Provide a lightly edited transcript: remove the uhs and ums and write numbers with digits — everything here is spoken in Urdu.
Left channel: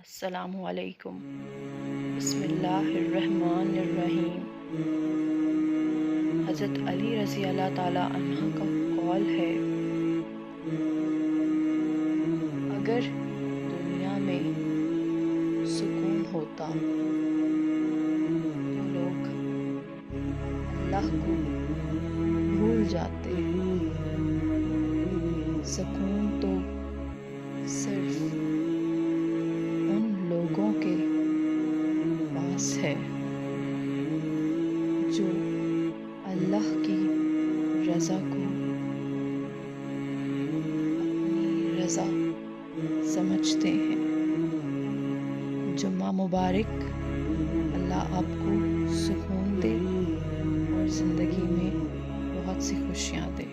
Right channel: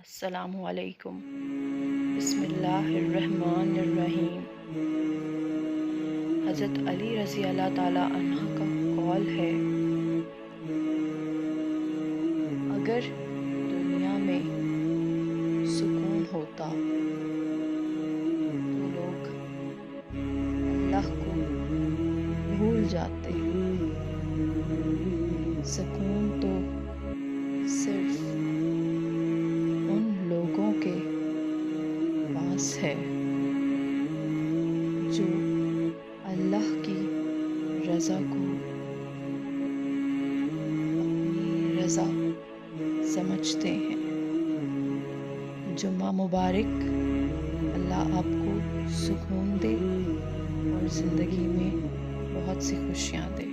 السلام علیکم۔ بسم اللہ الرحمن الرحیم۔ حضرت علی رضی اللہ تعالیٰ عنہ کا قول ہے، اگر دنیا میں سکون ہوتا تو لوگ اللہ کو بھول جاتے۔ سکون تو صرف ان لوگوں کے پاس ہے جو اللہ کی رضا کو اپنی رضا سمجھتے ہیں۔ جمعہ مبارک۔ اللہ آپ کو سکون دے اور زندگی میں بہت سی خوشیاں دے۔